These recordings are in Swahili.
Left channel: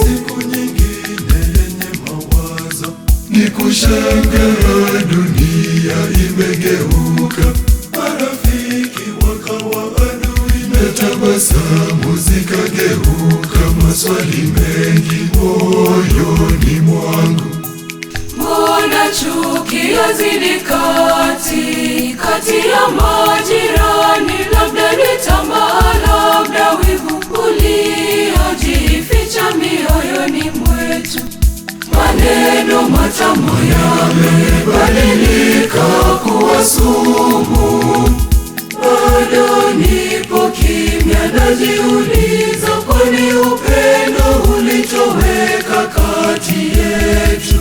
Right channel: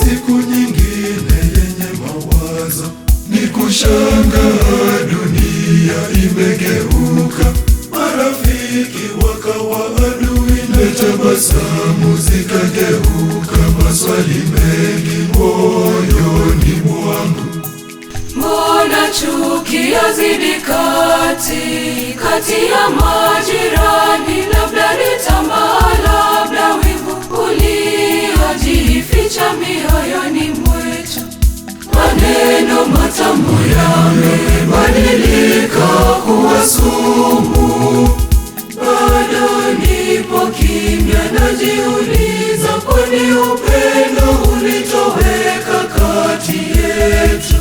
Siku nyingine yenye mawazo, ni kushangaa dunia imegeuka, marafiki wakawa adui na tabasamu zikageuka maswali mengi moyoni mwangu. Mbona chuki yazidi kati ya majirani? Labda ni tamaa, labda wivu uliojificha mioyoni mwetu. Maneno matamu yamebadilika kuwa sumu. Bado nipo kimya, najiuliza, kwani upendo ulitoweka kati yetu?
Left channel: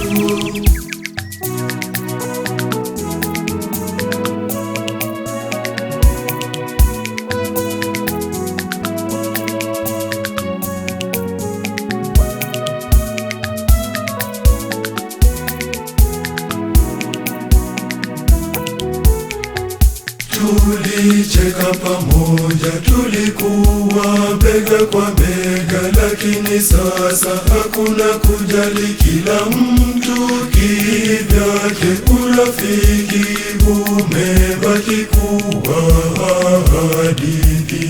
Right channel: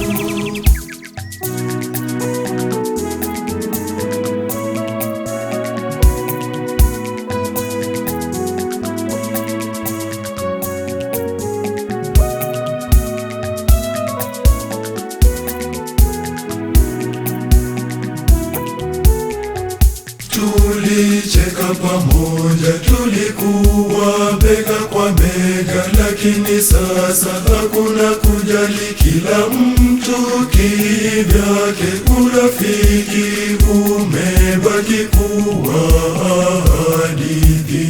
Tulicheka pamoja, tulikuwa bega kwa bega, lakini sasa hakuna kujali, kila mtu kivyake. Urafiki umebaki kuwa hadithi.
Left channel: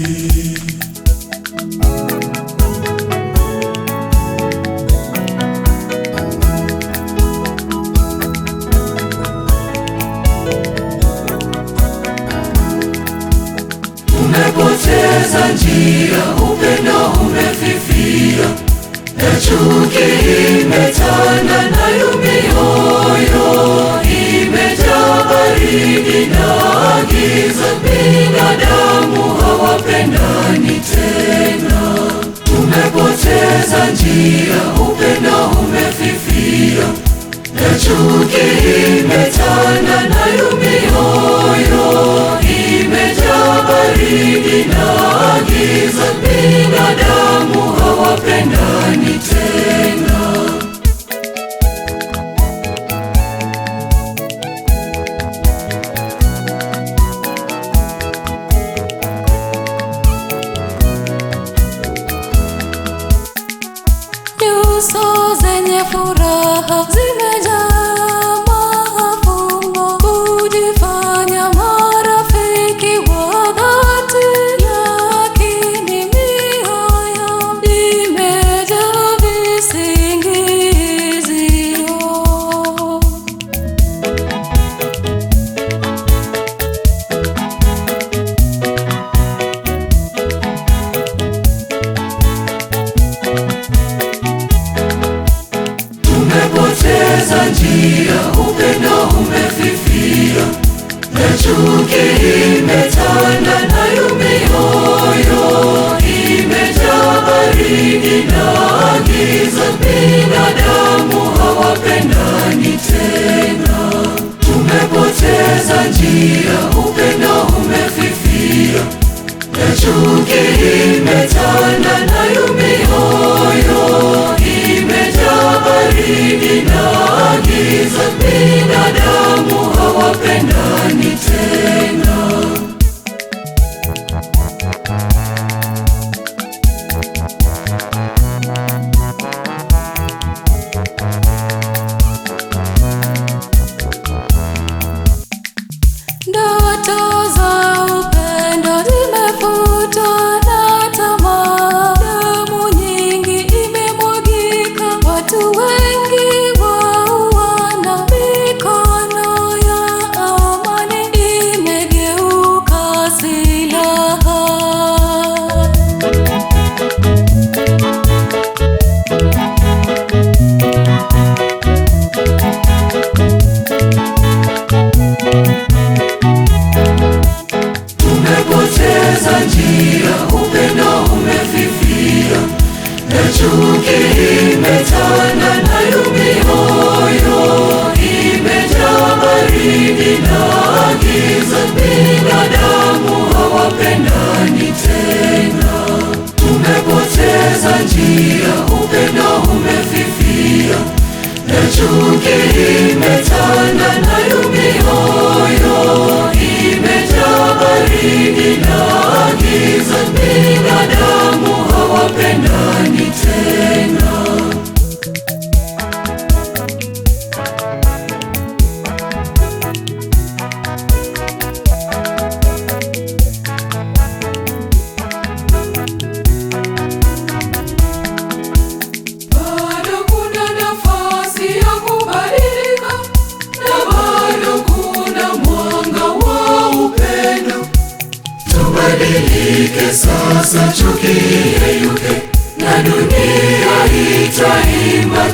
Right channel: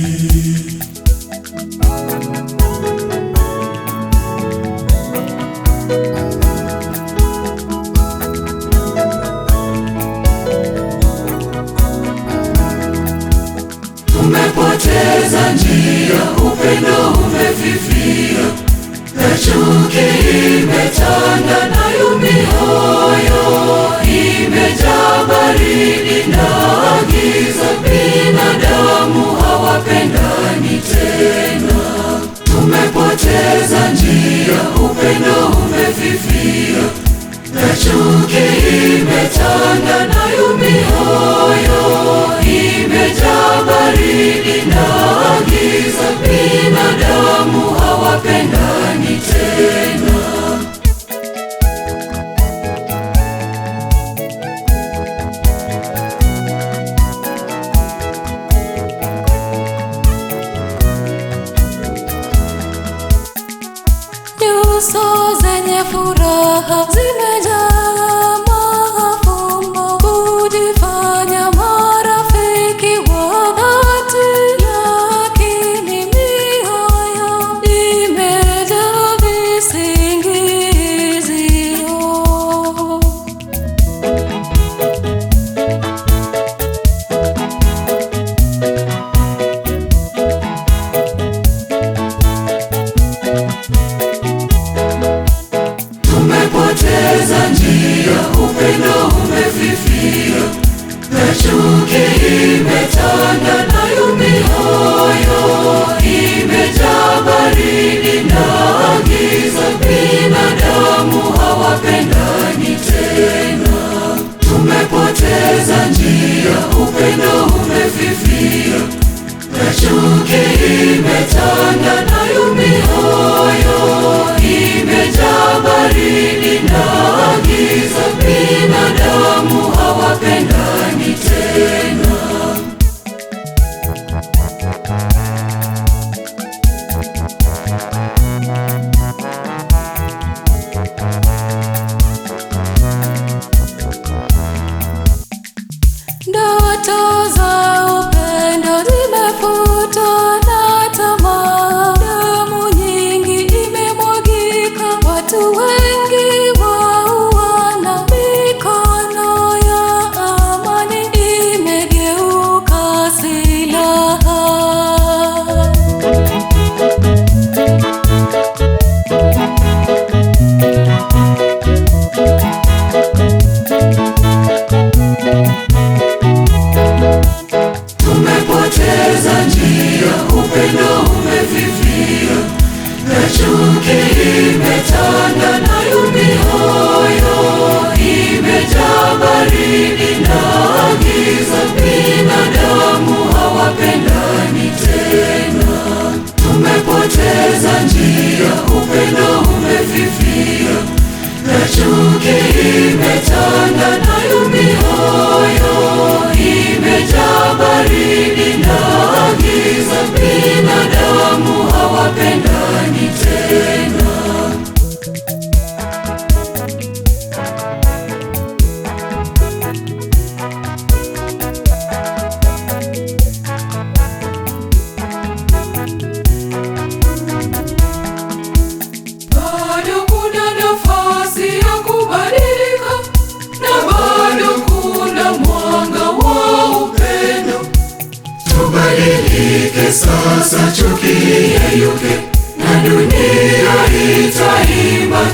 Umepoteza njia, upendo umefifia, na chuki imetanda, nayo mioyo imejaa baridi na giza. Binadamu hawapendani tena. Umepoteza njia, upendo umefifia, na chuki imetanda, nayo mioyo imejaa baridi na giza. Binadamu hawapendani tena. Nyuso zenye furaha zimejaa mafumbo, kujifanya marafiki wa dhati, lakini mioyo imejaa visingizio. Umepoteza njia, upendo umefifia, na chuki imetanda, nayo mioyo imejaa baridi na giza. Binadamu hawapendani tena. Umepoteza njia, upendo umefifia, na chuki imetanda, nayo mioyo imejaa baridi na giza. Binadamu hawapendani tena. Ndoto za upendo zimefutwa na tamaa, damu nyingi imemwagika, watu wengi wauana, mikono ya amani imegeuka silaha. Umepoteza njia, upendo umefifia, na chuki imetanda, nayo mioyo imejaa baridi na giza. Binadamu hawapendani tena. Umepoteza njia, upendo umefifia, na chuki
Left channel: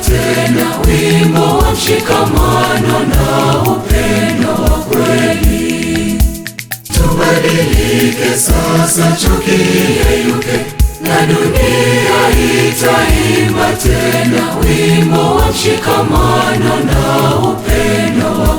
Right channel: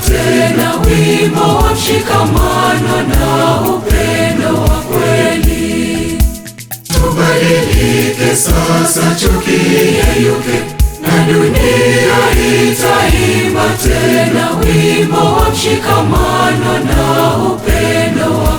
tena wimbo wa mshikamano na upendo wa kweli. Tubadilike sasa, chuki iyeyuke, na dunia itaimba tena wimbo wa mshikamano na upendo wa